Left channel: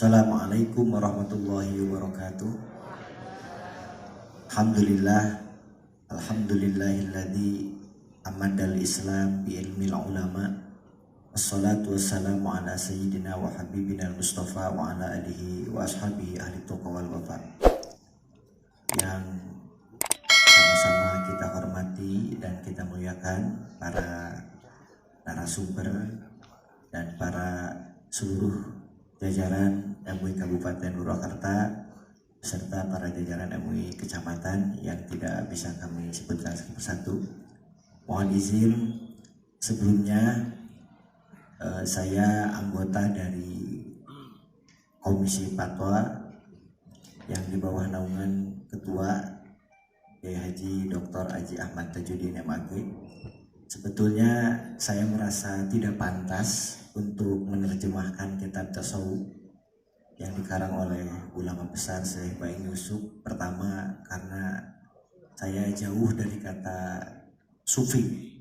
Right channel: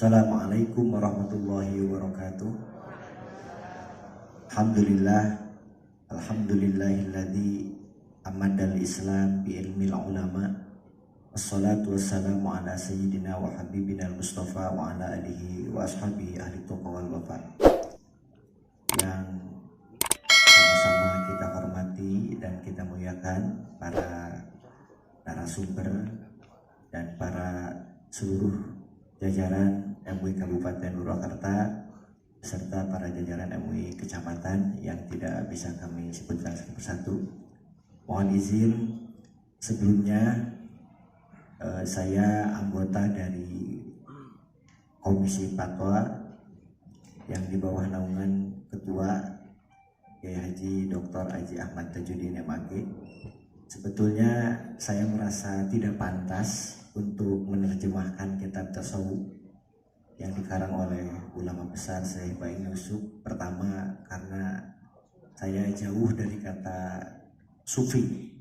Assalamualaikum warahmatullahi wabarakatuh. Alhamdulillahilladzi amadal Islam bi ilmil ulama. Assalatu wassalamu ala sayyidina wa habibina Mustafa wa ala alihi wa ashabihi ahli tuqa wal wafa. Yang sama-sama kita hormati dan kita muliakan para narasumber dan para seluruh jajaran MUI Kabupaten Purwakarta beserta para jajaran MUI Kecamatan yang tidak bisa kami sebutkan satu persatu. Mohon izin sebelumnya saya anggota dari Komisi Fatwa yang di bawah naungan Ketua Kiai Haji Dr. Haji Ahmad Tajuddin MAG. Sebetulnya saya merasa tidak pantas untuk menerjemahkan kitab tasawuf yang dikarang oleh ulama besar Syekh Baing Yusuf. Pertama karena saya jauh dari kata sufi.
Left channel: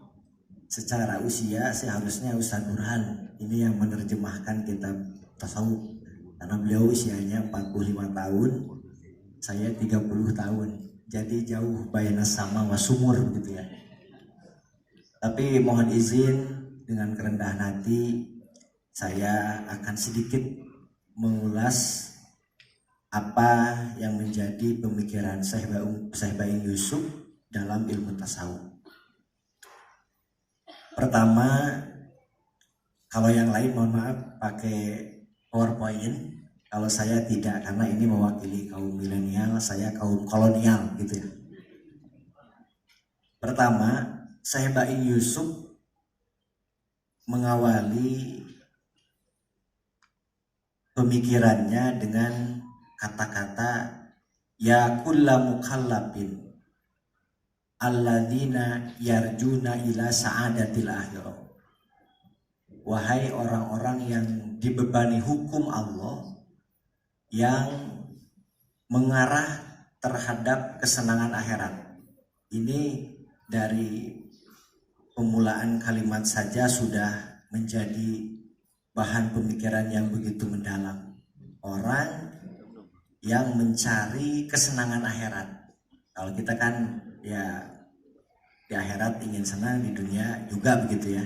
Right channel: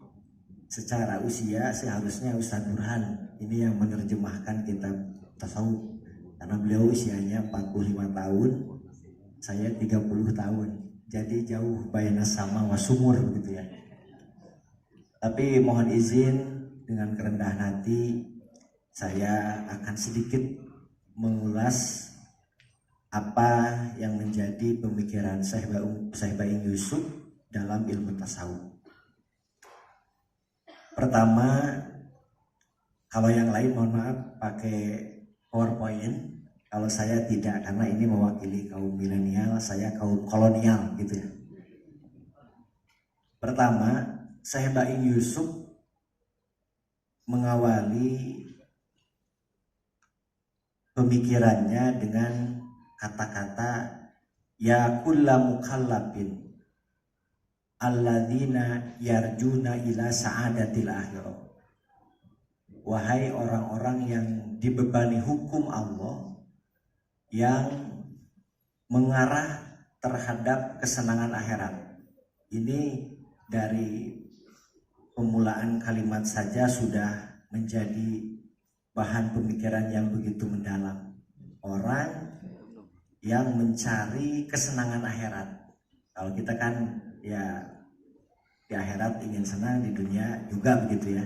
Secara usia seharusnya Ustaz Burhan ini yang menerjemahkan kitab tasawuf, karena beliau usianya 45 tahun, saya 30 tahun. Jadi jauh bayana sama wasumur gitu ya. Tapi mohon izin dengan kerendahan hati saya akan sedikit mengulas apa yang menjadi pemikiran Syekh Baing Yusuf dalam ilmu tasawuf. Pertama, kalau yang lain mohon maaf pakai PowerPoint. Kalau saya tidak, karena ini mewakili kaum milenial, saya kaum kolonial gitu ya. Pertama, Syekh Baing Yusuf mengawali pemikirannya dengan kata-kata ya kulla mukallafin alladzina yarjuna ila sa'adatil akhirah. Wahai orang-orang yang dibebani hukum Allah yang mengarah terhadap kesenangan akhirat. Ini dari pemulaan kalimat saja sudah menjadi bahan pemikiran yang begitu mendalam. Orang yang mencari kesenangan akhirat. Kalau kita kan ya di akhirat ingin senang, di dunia juga begitu ya.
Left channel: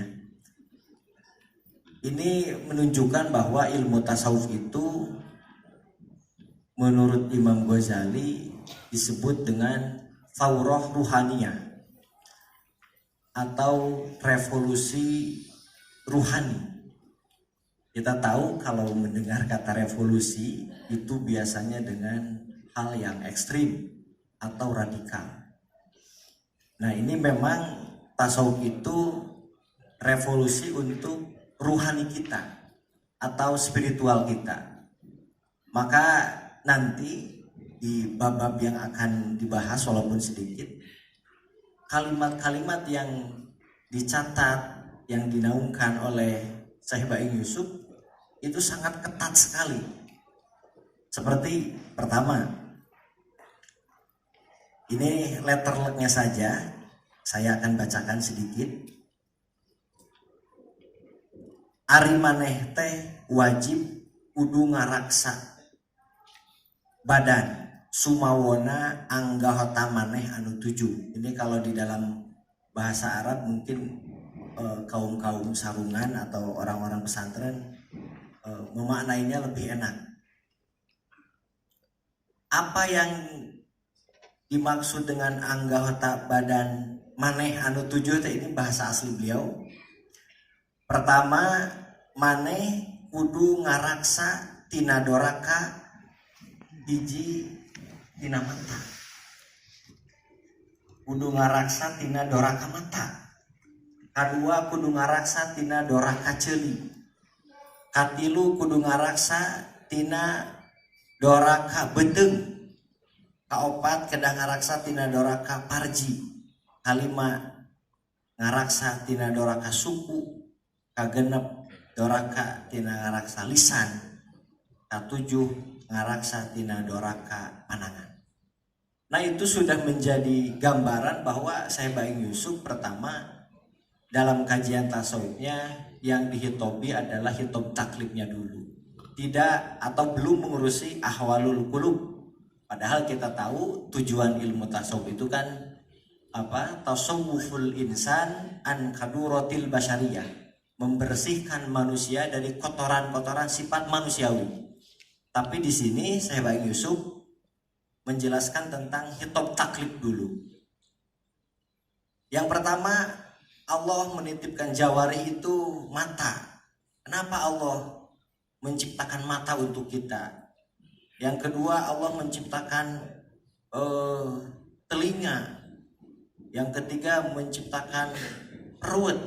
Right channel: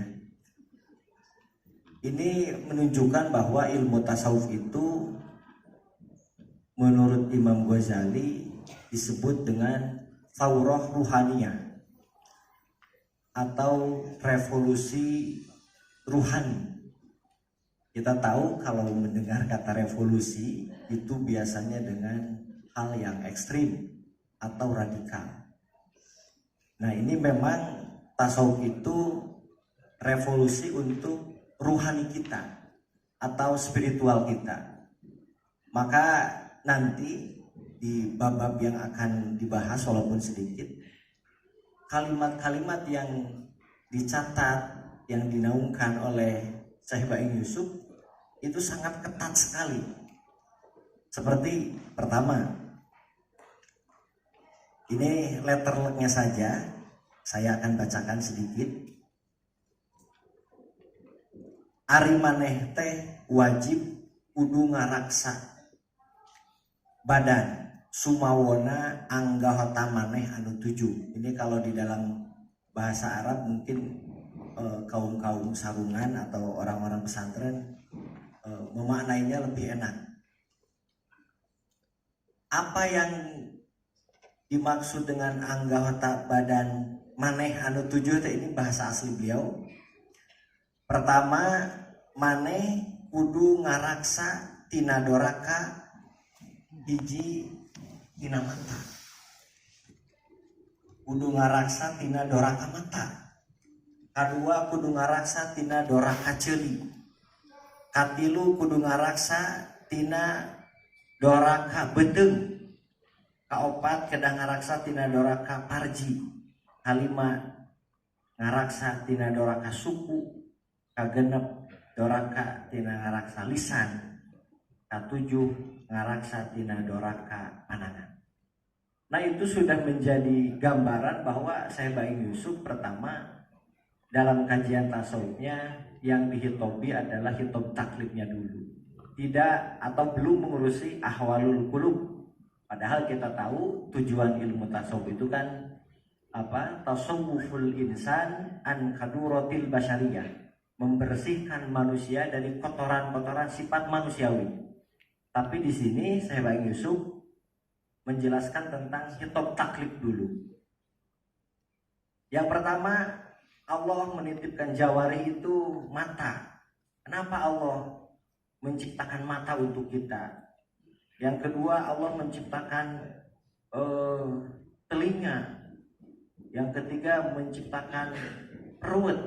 Ini menunjukkan bahwa ilmu tasawuf itu menurut Imam Ghazali disebut dengan faurah ruhaniyah atau revolusi ruhani. Kita tahu kalau mendengar kata revolusi itu biasanya dengan hal yang ekstrim atau radikal. Nah, ini memang tasawuf itu revolusi untuk ruhani kita atau spiritual kita. Maka nanti di bab-bab yang akan dibahas walaupun sedikit, kalimat-kalimat yang dicatat, yang dinaungkan oleh Syekh Baing Yusuf itu sangat ketat sekali. Seperti pertama, ini letternya saja, saya akan bacakan sedikit. Ari maneh teh wajib kudu ngaraksa badan sumawona anggahota maneh anu tujuh. Ini kalau di dalam bahasa Arab mungkin kaum-kaum sarungan atau orang-orang pesantren memaknainya lebih enak. Apa yang dimaksud dengan anggahota badan maneh anu tujuh ini bahasa asli beliau. Pertama, maneh kudu ngaraksa tina doraka biji tina mata. Kudu ngaraksa tina doraka mata. Kadua kudu ngaraksa tina doraka ceuli. Katilu kudu ngaraksa tina doraka beteung. Kaopat kedah ngaraksa tina doraka parji. Kalima ngaraksa tina doraka suku. Kagenep doraka tina ngaraksa lisan. Katujuh ngaraksa tina doraka panangan. Nah, itu sudah menjadi gambaran bahwa Syekh Baing Yusuf pertama dalam kajian tasawufnya yang dihitobi adalah hitob taklifnya dulu. tidak atau belum mengurusi ahwalul qulub. Padahal kita tahu tujuan ilmu tasawuf itu kan tasawwuful insan an kaduratil basyariyah, membersihkan manusia dari kotoran-kotoran sifat manusiawi. Tapi di sini Syekh Baing Yusuf menjelaskan tentang hitop taklif dulu. Yang pertama, Allah menitipkan jawari itu mata. Kenapa Allah menciptakan mata untuk kita? Yang kedua, Allah menciptakan telinga. Yang ketiga, menciptakan perut,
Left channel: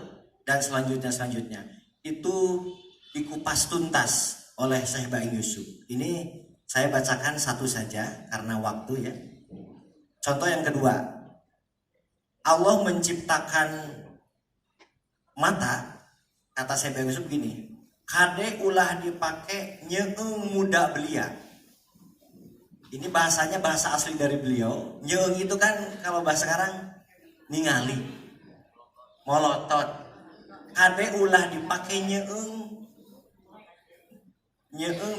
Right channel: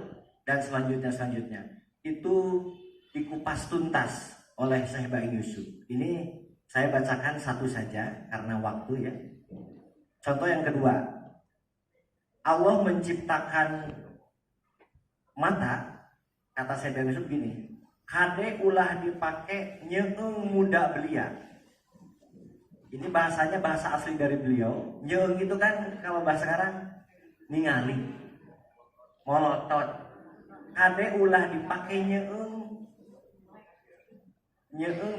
dan selanjutnya. Itu dikupas tuntas oleh Syekh Baing Yusuf. Ini saya bacakan satu saja karena waktu ya. Contoh yang kedua, Allah menciptakan mata, kata Syekh Baing Yusuf begini, kade ulah dipakai nyeung muda belia. Ini bahasanya bahasa asli dari beliau. Nyeung itu kan kalau bahasa sekarang ningali, molotot. Kade ulah dipakai nyeung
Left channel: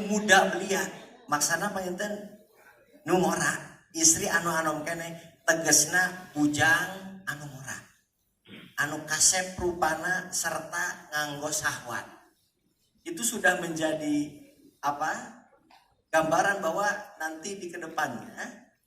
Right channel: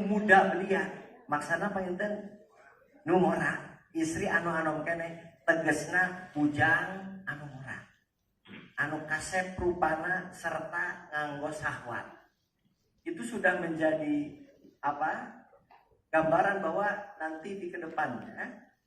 muda belia. Maksana panginten nu ngora, istri anu anom kene tegesna bujang anu ngora, anu kasep rupana serta nganggo syahwat. Itu sudah menjadi gambaran bahwa nanti di kedepannya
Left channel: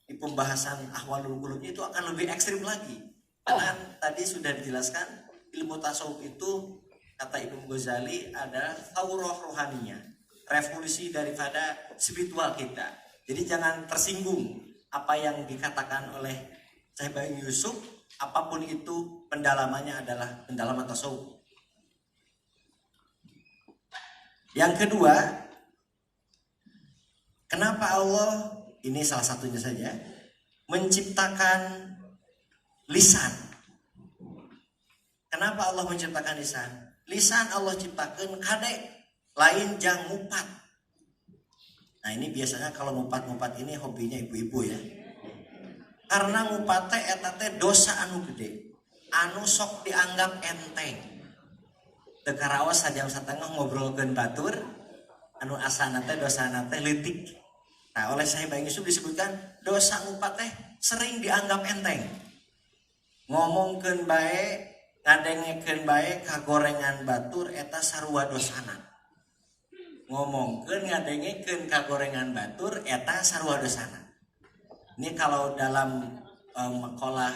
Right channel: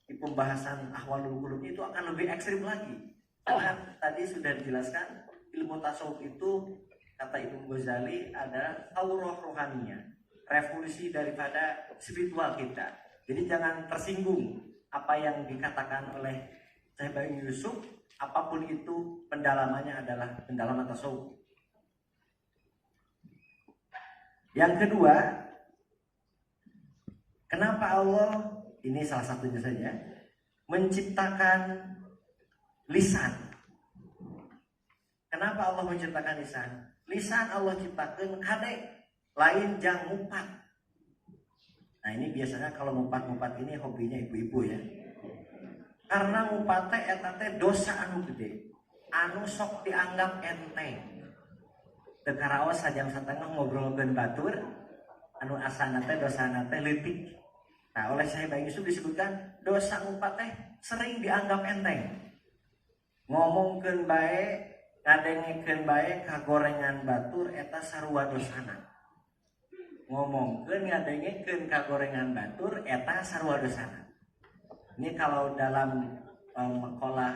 di pembahasan ahwalul qulub itu akan lebih ekstrim lagi. Karena tadi sudah dijelaskan ilmu tasawuf itu kata Imam Ghazali adalah taurah rohaninya, revolusi daripada spiritual kita. Jadi jangan tersinggung apa yang dikatakan oleh Syekh Baing Yusuf, apapun itu pendalamannya adalah pendalaman tasawuf. Yang kedua, kenapa Allah, ini salah satunya saja, menciptakan lisan. Kenapa Allah menciptakan lisan? Lisan Allah ciptakan kade lain jang ngupat. Nah ini biasanya kalau ngupat-ngupat ini hobinya ibu-ibu ya. Karena ngupat teh eta teh dosa anu gede, anu sok dianggap enteng. Teu karaos sajam satengah ngobrolkeun batur, anu asana teh dosana teh leutik. Nah oleh Syekh Baing Yusuf disebutkan dosa ngupat teh sering dianggap enteng. Ngomongkeun bae, ngadengekeun bae kagorengan batur eta sarua dosana. Ngomongkeun ngadengekeun kagorengan batur eta sarua dosana. Ini kalau dalam maqalah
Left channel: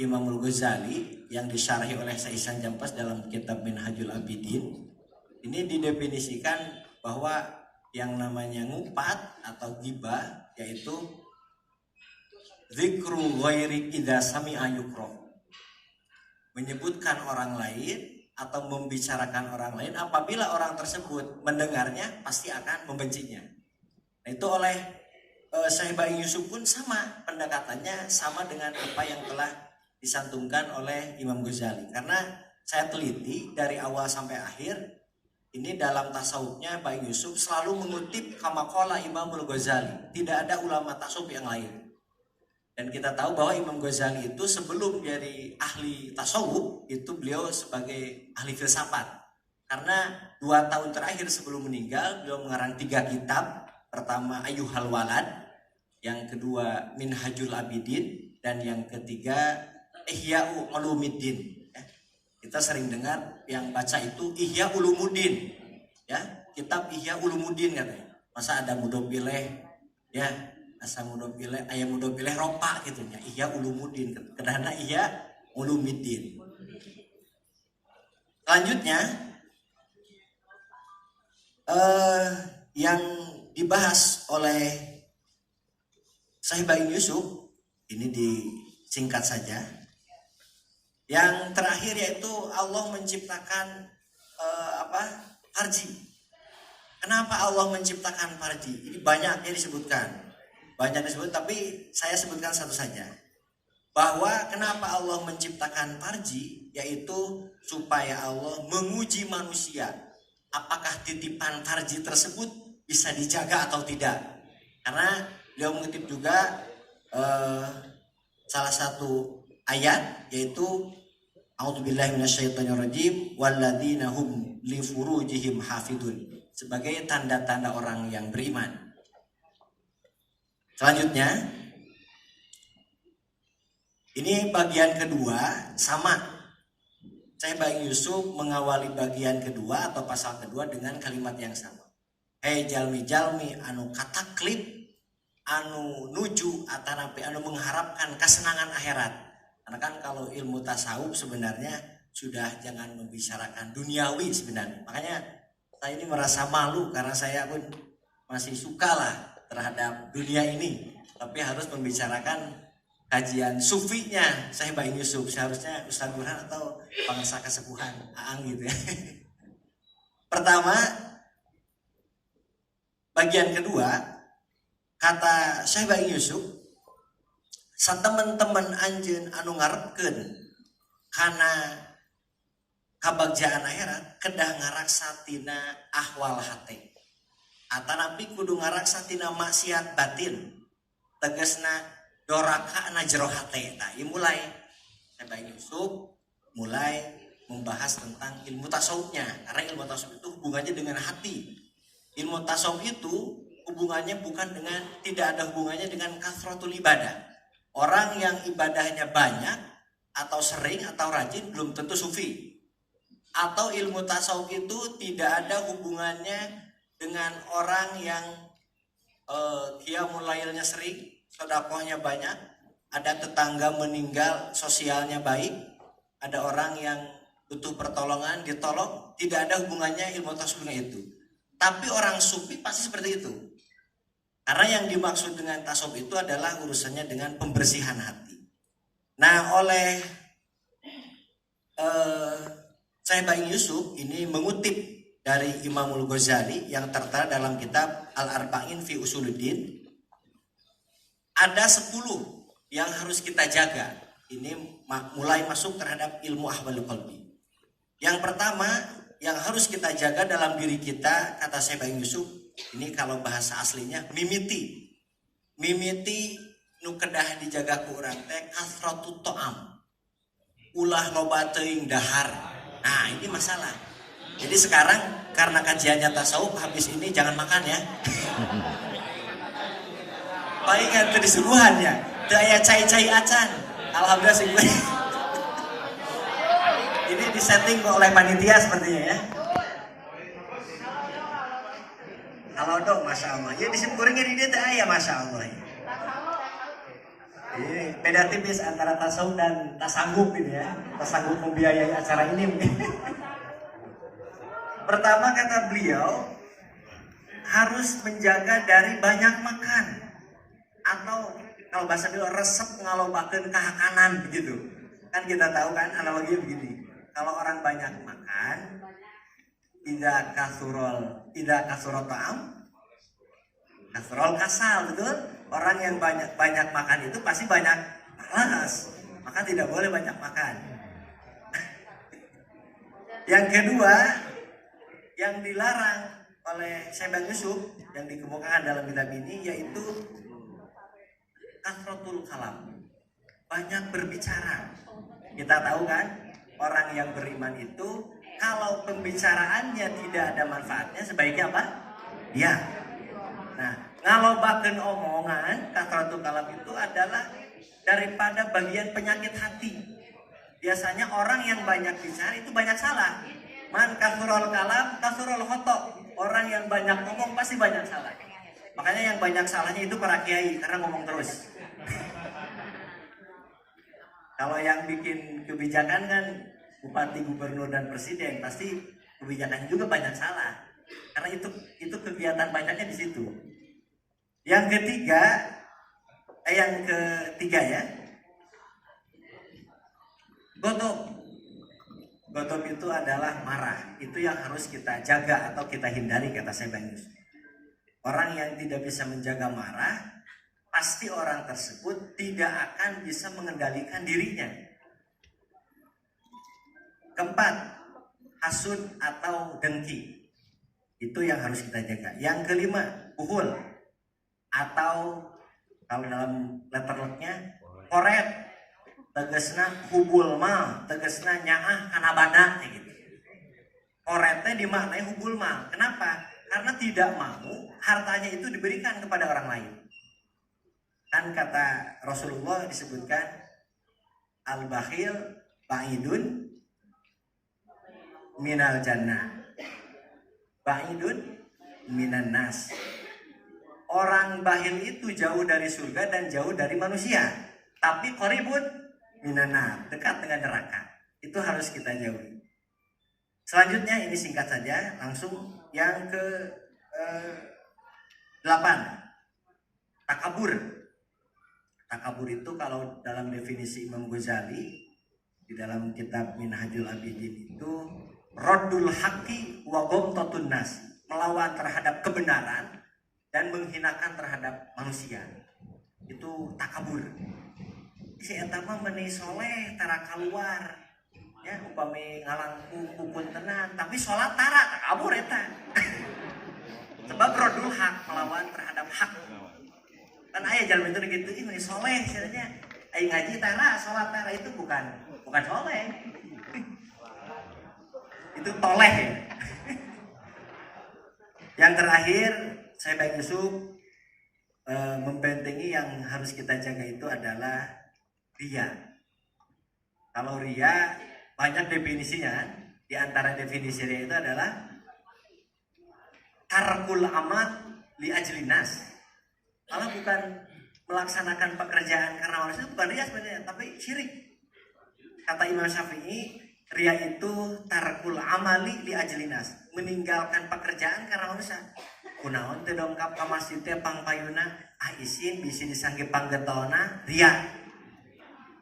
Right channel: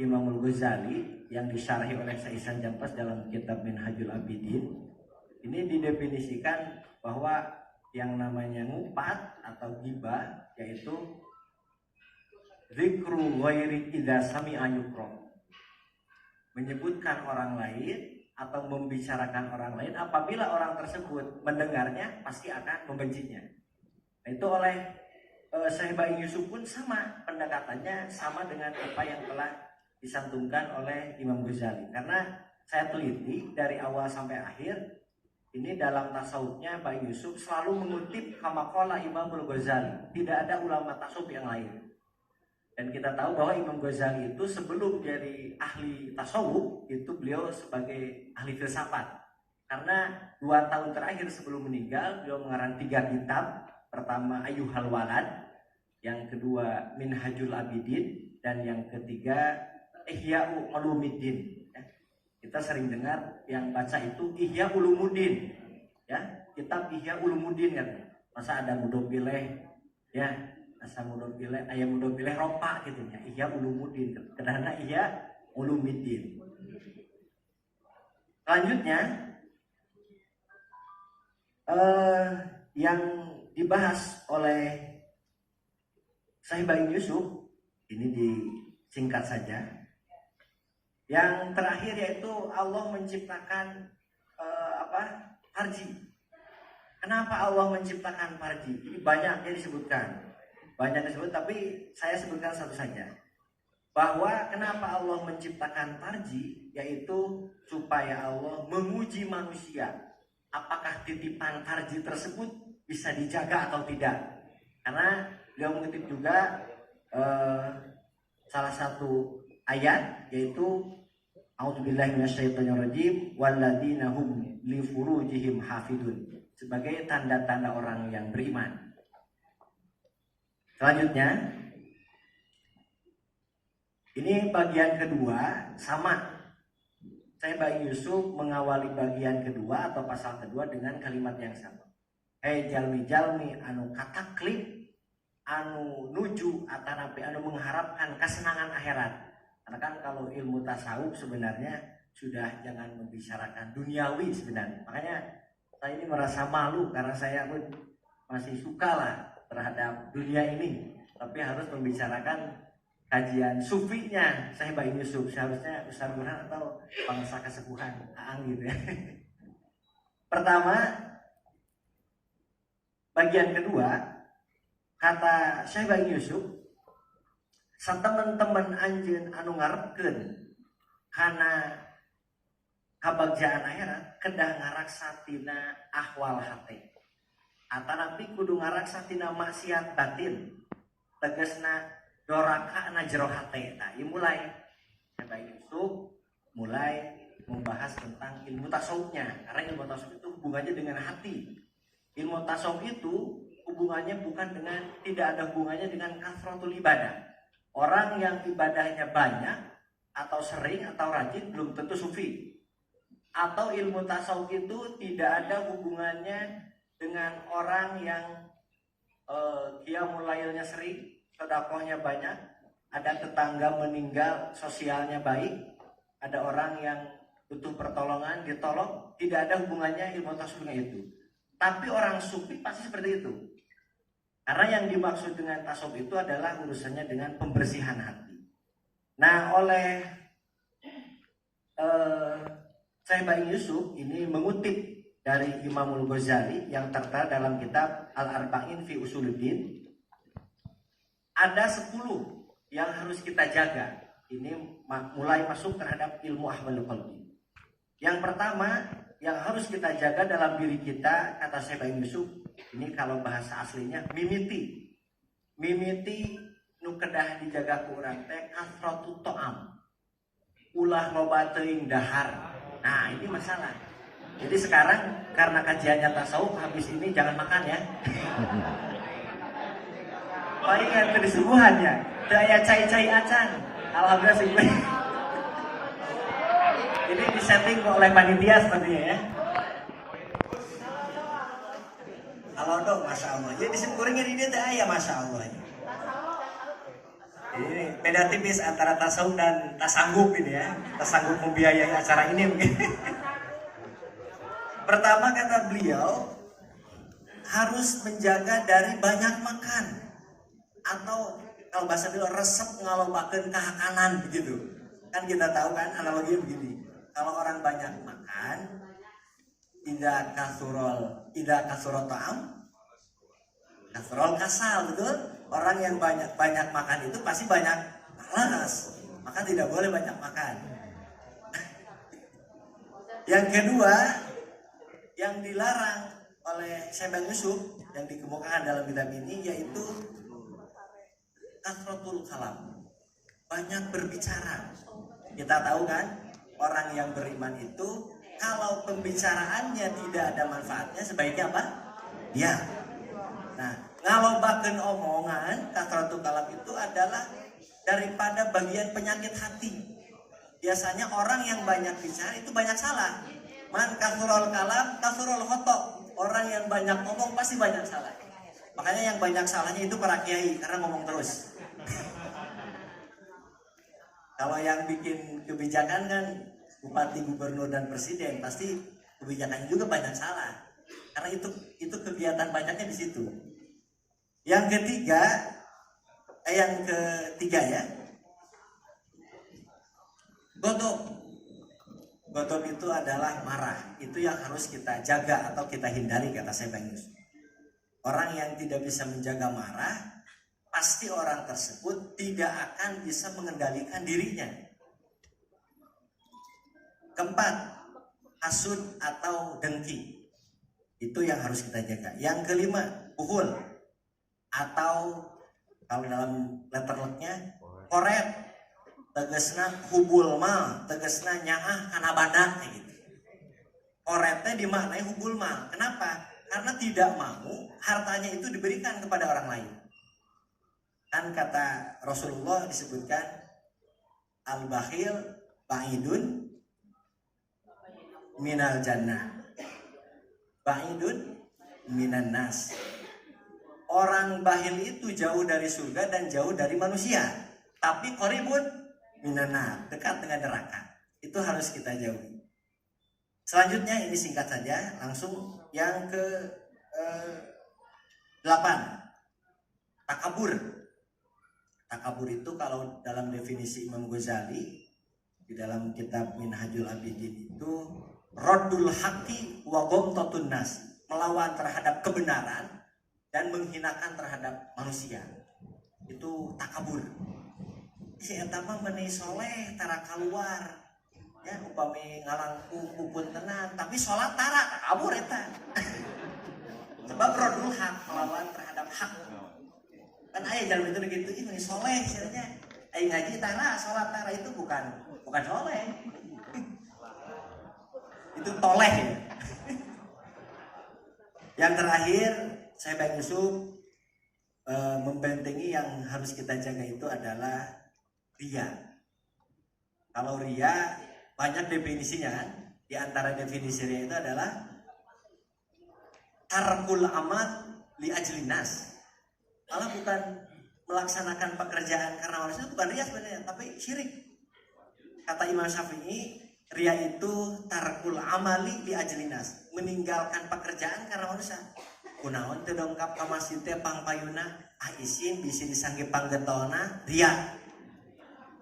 Imam Ghazali yang disyarhi oleh Syekh Ihsan Jampas dalam kitab Minhajul Abidin, ini didefinisikan bahwa yang namanya ngupat atau ghibah yaitu zikru ghairi idza sami'a yukrah, menyebutkan orang lain atau membicarakan orang lain apabila orang tersebut mendengarnya pasti akan membencinya. Nah, itu oleh Syekh Baing Yusuf pun sama pendekatannya, sama dengan apa yang telah disantumkan oleh Imam Ghazali. Karena saya teliti dari awal sampai akhir, ini dalam tasawufnya Baing Yusuf selalu mengutip maqalah Imam Ghazali. Tidak ada ulama tasawuf yang lain. Dan kita tahu bahwa Imam Ghazali itu sebelum jadi ahli tasawuf itu beliau sebagai ahli filsafat. Karena 2 tahun terakhir sebelum meninggal beliau mengarang 3 kitab. Pertama Ayyuhal Walad, yang kedua Minhajul Abidin, dan yang ketiga Ihya Ulumuddin. Kita sering dengar yang baca itu Ihya Ulumuddin, ya, kitab Ihya Ulumuddin katanya. Masa ada mudopileh, ya, asa mudopileh, ayam mudopileh ropa gitu ya. Ihya Ulumuddin, karena Ihya Ulumuddin. Selanjutnya yang dibahas oleh Syekh Baing Yusuf ini disingkat saja. Yang terakhir yaitu Allah menciptakan farji. Kenapa Allah menciptakan farji? Ini banyak disebutkan. Banyak disebut, tapi saya sebutkan satu saja. Bahwa kenapa Allah menciptakan farji, yaitu supaya Allah menguji manusia. Apakah titipan farji tersebut bisa dijaga atau tidak? Karena beliau mengutip juga salah satu ayat, yaitu A'udzubillahi minasyaitonirrajim walladzina hum li furujihim hafidun. sebagai tanda-tanda orang yang beriman. Selanjutnya, ini bagian kedua sama. Saya Bang Yusuf mengawali bagian kedua atau pasal kedua dengan kalimat yang sama. Hei jalmi-jalmi anu kataklip, anu nuju atanapi anu mengharapkan kesenangan akhirat. Karena kan kalau ilmu tasawuf sebenarnya sudah jangan membicarakan duniawi sebenarnya. Makanya saya ini merasa malu karena saya pun masih suka lah terhadap dunia ini. Tapi harus membicarakan kajian sufinya saya Bang Yusuf. Seharusnya Ustaz Burhan atau bangsa kesepuhan Aang gitu ya. Pertama, bagian kedua, kata Syekh Bang Yusuf, satemen-temen anjeun anu ngarepkeun kana kabagjaan akhirat kedah ngaraksa tina ahwal hate. Atanapi kudu ngaraksa tina maksiat batin. Tegasna doraka na jero hate. Nah, ieu mulai Syekh Bang Yusuf mulai membahas tentang ilmu tasawufnya. Karena ilmu tasawuf itu hubungannya dengan hati. Ilmu tasawuf itu hubungannya bukan dengan, tidak ada hubungannya dengan kasratul ibadah. Orang yang ibadahnya banyak atau sering atau rajin belum tentu sufi. Atau ilmu tasawuf itu tidak ada hubungannya dengan orang yang qiyamul lailnya sering, sedekahnya banyak, ada tetangga meninggal, sosialnya baik, ada orang yang butuh pertolongan, ditolong, tidak ada hubungannya ilmu tasawuf dengan itu. Tapi orang sufi pasti seperti itu. Karena yang dimaksud dengan tasawuf itu adalah urusannya dengan pembersihan hati. Nah, oleh Syekh Bang Yusuf ini mengutip dari Imamul Ghazali yang tertera dalam kitab Al-Arba'in fi Usuluddin. Ada 10 yang harus kita jaga. Ini mulai masuk terhadap ilmu ahwalul qalbi. Yang pertama yang harus kita jaga dalam diri kita, kata Syekh Bang Yusuf, ini kalau bahasa aslinya mimiti. Mimiti nu kedah dijaga ku urang teh kasratu ta'am. Ulah loba teuing dahar. Nah, ini masalah. Jadi sekarang karena kajiannya tasawuf, habis ini jangan makan ya. Baik kan teu disuruhannya. Teu aya cai-cai acan. Alhamdulillah sih. Ini disetting oleh panitia sepertinya ya. Halo dong, masya Allah. Ya disimpuringnya di dia aya masya Allah. Ini beda tipis antara tasawuf dan tasanggup ini ya. Tasanggup membiayai acara ini mungkin. Pertama kata beliau harus menjaga dari banyak makan, atau kalau bahasa dia resep ngalobakeun kahakanan begitu. Kan kita tahu kan analoginya begini. Kalau orang banyak makan, tidak kasurol ta'am, kasurol kasal, betul? Orang yang banyak makan itu pasti banyak malas, maka tidak boleh banyak makan. Yang kedua, yang dilarang oleh Syekh Bang Yusuf yang dikemukakan dalam kitab ini yaitu kasratul kalam, banyak berbicara. Kita tahu kan, orang yang beriman itu kalau pembicaraannya tidak ada manfaatnya sebaiknya apa? Ya. Nah, ngalobakeun omongan, kasratul kalam itu adalah daripada bagian penyakit hati. Biasanya orang yang banyak bicara itu banyak salah. Man kasurul kalam, kasurul khotok. Orang yang banyak ngomong pasti banyak salah. Makanya yang banyak salahnya itu para kiai karena ngomong terus. Kalau yang bikin kebijakan kan bupati, gubernur dan presiden, pasti kebijakan juga banyak salah. Karena itu kegiatan banyaknya di situ. Yang ketiga ya. Godop itu adalah marah. Itu yang harus kita jaga atau kita hindari, kata Syekh Bang Yusuf. Orang yang tidak bisa menjaga marah, pasti orang tersebut tidak akan bisa mengendalikan dirinya. Keempat, hasud atau dengki. Itu yang harus kita jaga. Yang kelima, buhul atau kalau dalam letterlocknya koret. Tegesna hubul mal, tegesna nyaah kana badak gitu. Koretnya dimaknai hubul mal. Kenapa? karena tidak mau hartanya itu diberikan kepada orang lain. Kan kata Rasulullah disebutkan al-bakhil ba'idun minal jannah, ba'idun minan nas. Orang bakhil itu jauh dari surga dan jauh dari manusia, tapi qaribun minan nar, dekat dengan neraka. Itu harus kita jauhi. Selanjutnya ini singkat saja, langsung yang ke 8, takabur. Takabur itu kalau dalam definisi Imam Ghazali di dalam kitab Minhajul Abidin itu raddul haqqi wa ghamtatun nas, melawan terhadap kebenaran dan menghinakan terhadap manusia. Itu takabur. Si eta mah meuni soleh tara keluar. Ya upami ngalangku pupun tenan, tapi salat tara takabur eta. Sebab raddul haq, melawan terhadap hak. Kan aya jalan itu gitu, ih meuni soleh cenanya. Ai ngaji tara, salat tara itu bukan soleh. Itu toleh ya. Yang terakhir, saya Baik Yusuf membentengi yang harus kita jaga itu adalah riya. Kalau riya banyak definisinya kan. Di antara definisi riya itu adalah tarkul amal li ajlinas. Kalau bukan melaksanakan pekerjaan karena manusia, itu bukan riya sebenarnya, tapi syirik. Kata Imam Syafi'i, riya itu tarkul amali li ajlinas, meninggalkan pekerjaan karena manusia. Kunaon teu dongkap ka masjid teh pangpayuna isin bisi disangge panggetona riya.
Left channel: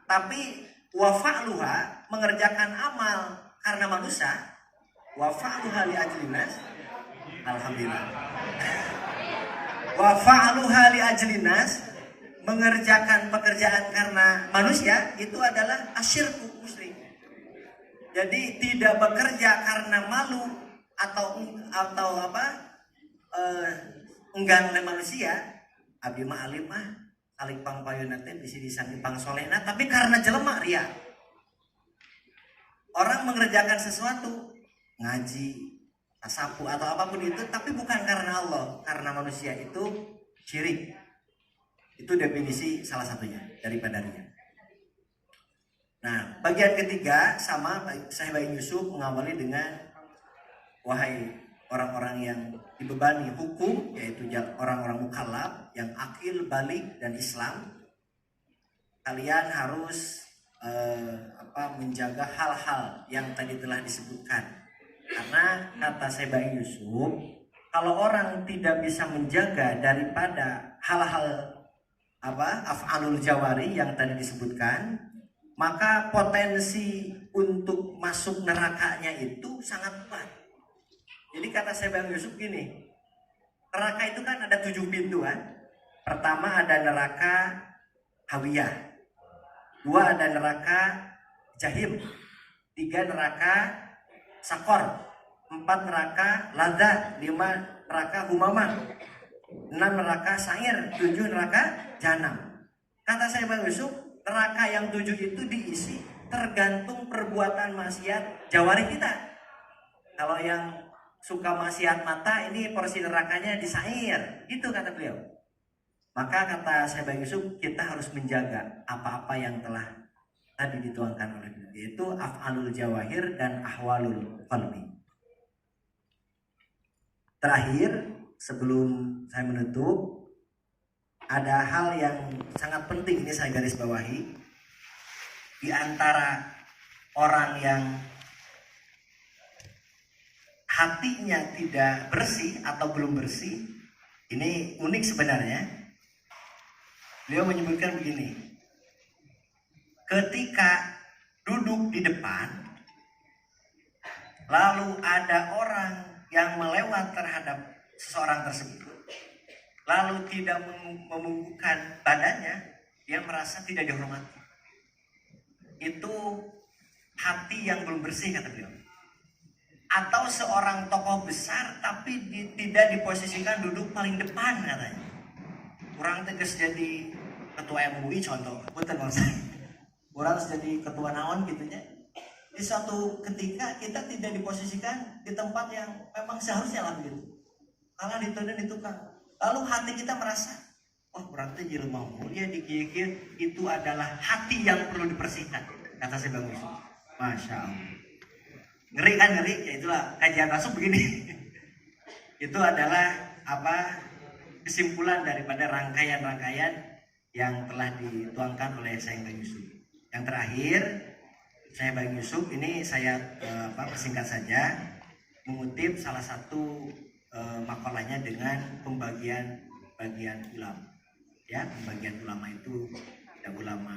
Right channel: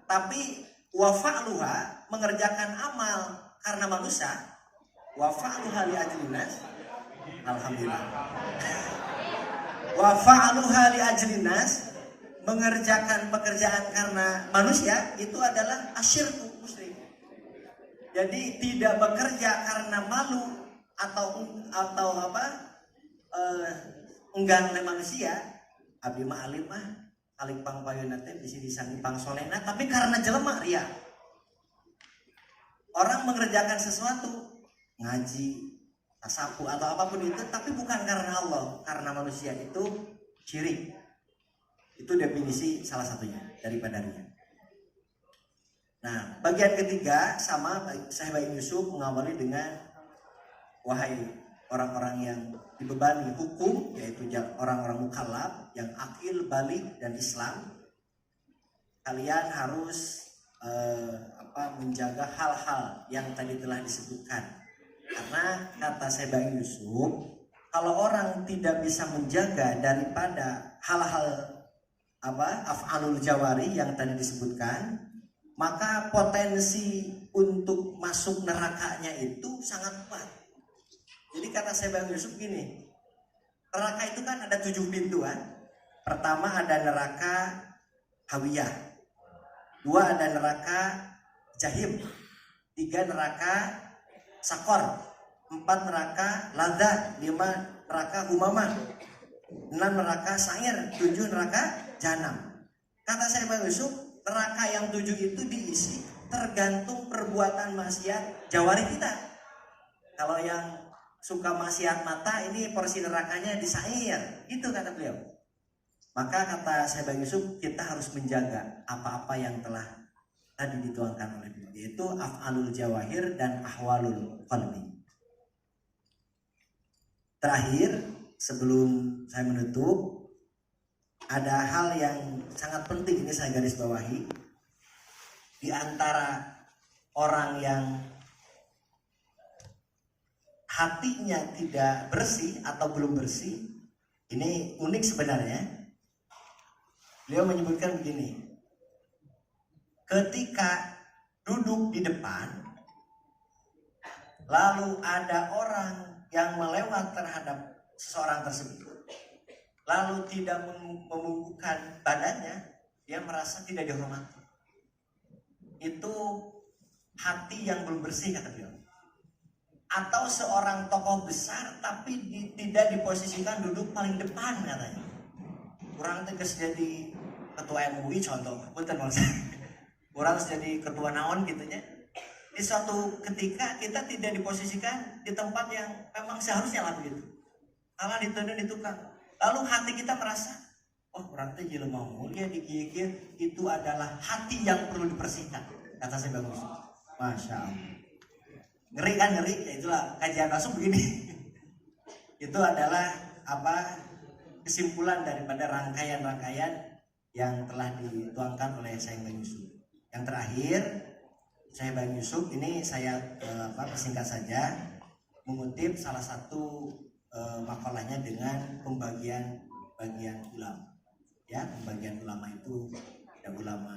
Tapi wa fa'luha, mengerjakan amal karena manusia, wa fa'luha li ajlinas, alhamdulillah. Wa fa'luha li ajlinas, mengerjakan pekerjaan karena manusia, itu adalah asyirku musyrik. Jadi tidak bekerja karena malu atau enggan oleh manusia. Abdi mah alim mah alik pangpayuna teh bisi disangge pangsolehna, tapi karena jelema riya. Orang mengerjakan sesuatu, ngaji, tasapu atau apapun itu, tapi bukan karena Allah, karena manusia, itu syirik. Itu definisi salah satunya daripada riya. Nah, bagian ketiga sama saya Baik Yusuf mengawali dengan wahai orang-orang yang dibebani hukum, yaitu orang-orang mukallaf yang akil, balik dan Islam. Kalian harus menjaga hal-hal yang tadi telah disebutkan. Karena kata saya Baik Yusuf, kalau orang tidak bisa menjaga daripada hal-hal af'alul jawari yang tadi disebutkan, maka potensi untuk masuk nerakanya itu sangat kuat. Jadi kata saya Bang Yusuf gini, neraka itu kan ada 7 pintu kan. Pertama ada neraka hawiyah, 2 ada neraka jahim, 3 neraka sakor, 4 neraka ladha, 5 neraka humamah, 6 neraka sa'ir, 7 neraka jahanam. Kata saya Bang Yusuf, neraka yang 7 itu diisi tergantung perbuatan maksiat jawari kita. Kalau yang suka maksiat mata, ini porsi nerakanya di sa'ir, itu kata beliau. Maka kata saya Bang Yusuf, kita harus menjaga apa-apa yang telah tadi dituangkan oleh beliau, yaitu af'alul jawahir dan ahwalul qalbi. Terakhir, sebelum saya menutup, ada hal yang sangat penting, ini saya garis bawahi. Di antara orang yang hatinya tidak bersih atau belum bersih, ini unik sebenarnya. Beliau menyebutkan begini, ketika duduk di depan, lalu ada orang yang melewat terhadap seseorang tersebut, lalu tidak membubuhkan badannya, dia merasa tidak dihormati. Itu hati yang belum bersih, kata beliau. Atau seorang tokoh besar tapi tidak diposisikan duduk paling depan, katanya. Kurang tegas jadi ketua MUI contoh, betul maksudnya. Kurang jadi ketua naon gitunya. Di suatu ketika kita tidak diposisikan di tempat yang memang seharusnya lah begitu. Kalau ditenan itu kan, lalu hati kita merasa, oh berarti jelema mulia di kieu itu adalah hati yang perlu dibersihkan. Kata saya bagus. Masya Allah. Ngeri kan ngeri? Ya itulah kajian masuk begini. Itu adalah apa kesimpulan daripada rangkaian-rangkaian yang telah dituangkan oleh Syekh Bang Yusuf. Yang terakhir, Syekh Bang Yusuf ini saya persingkat saja mengutip salah satu makalahnya dengan pembagian ulama. Ya, pembagian ulama itu ada ulama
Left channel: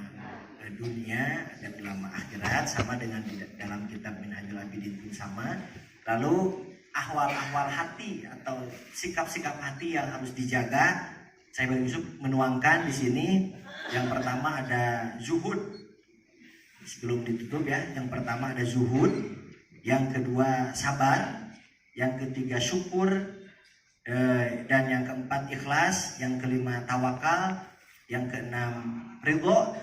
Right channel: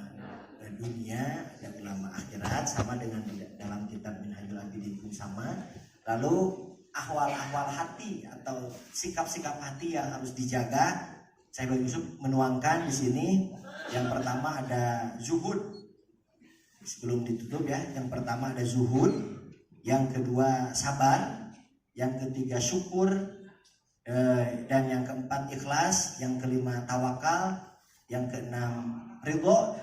dunia, ada ulama akhirat, sama dengan dalam kitab Minhajul Abidin pun sama. Lalu ahwal-ahwal hati atau sikap-sikap hati yang harus dijaga, Syekh Bang Yusuf menuangkan di sini. Yang pertama ada zuhud. Sebelum ditutup ya, yang pertama ada zuhud, yang kedua sabar, yang ketiga syukur, dan yang keempat ikhlas, yang kelima tawakal, yang keenam ridho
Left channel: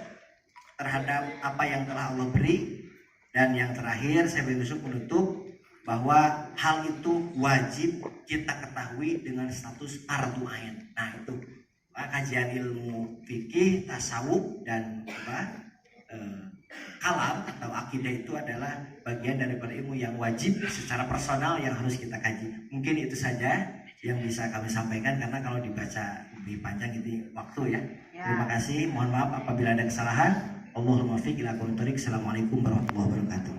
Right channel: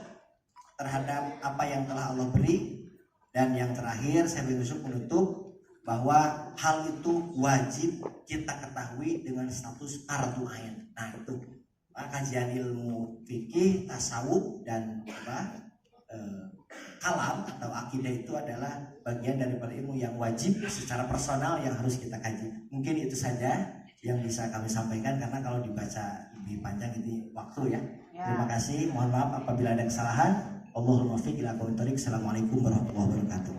terhadap apa yang telah Allah beri, dan yang terakhir Syekh Bang Yusuf menutup bahwa hal itu wajib kita ketahui dengan status fardu ain. Nah itu kajian ilmu fikih, tasawuf dan kalam atau akidah itu adalah bagian daripada ilmu yang wajib secara personal yang harus kita kaji. Mungkin itu saja yang bisa kami sampaikan, karena kalau dibaca lebih panjang itu waktu ya. Terima kasih, mohon maaf apabila ada kesalahan. Allahumma fiq ila aqwamit thoriq. Assalamualaikum warahmatullahi wabarakatuh.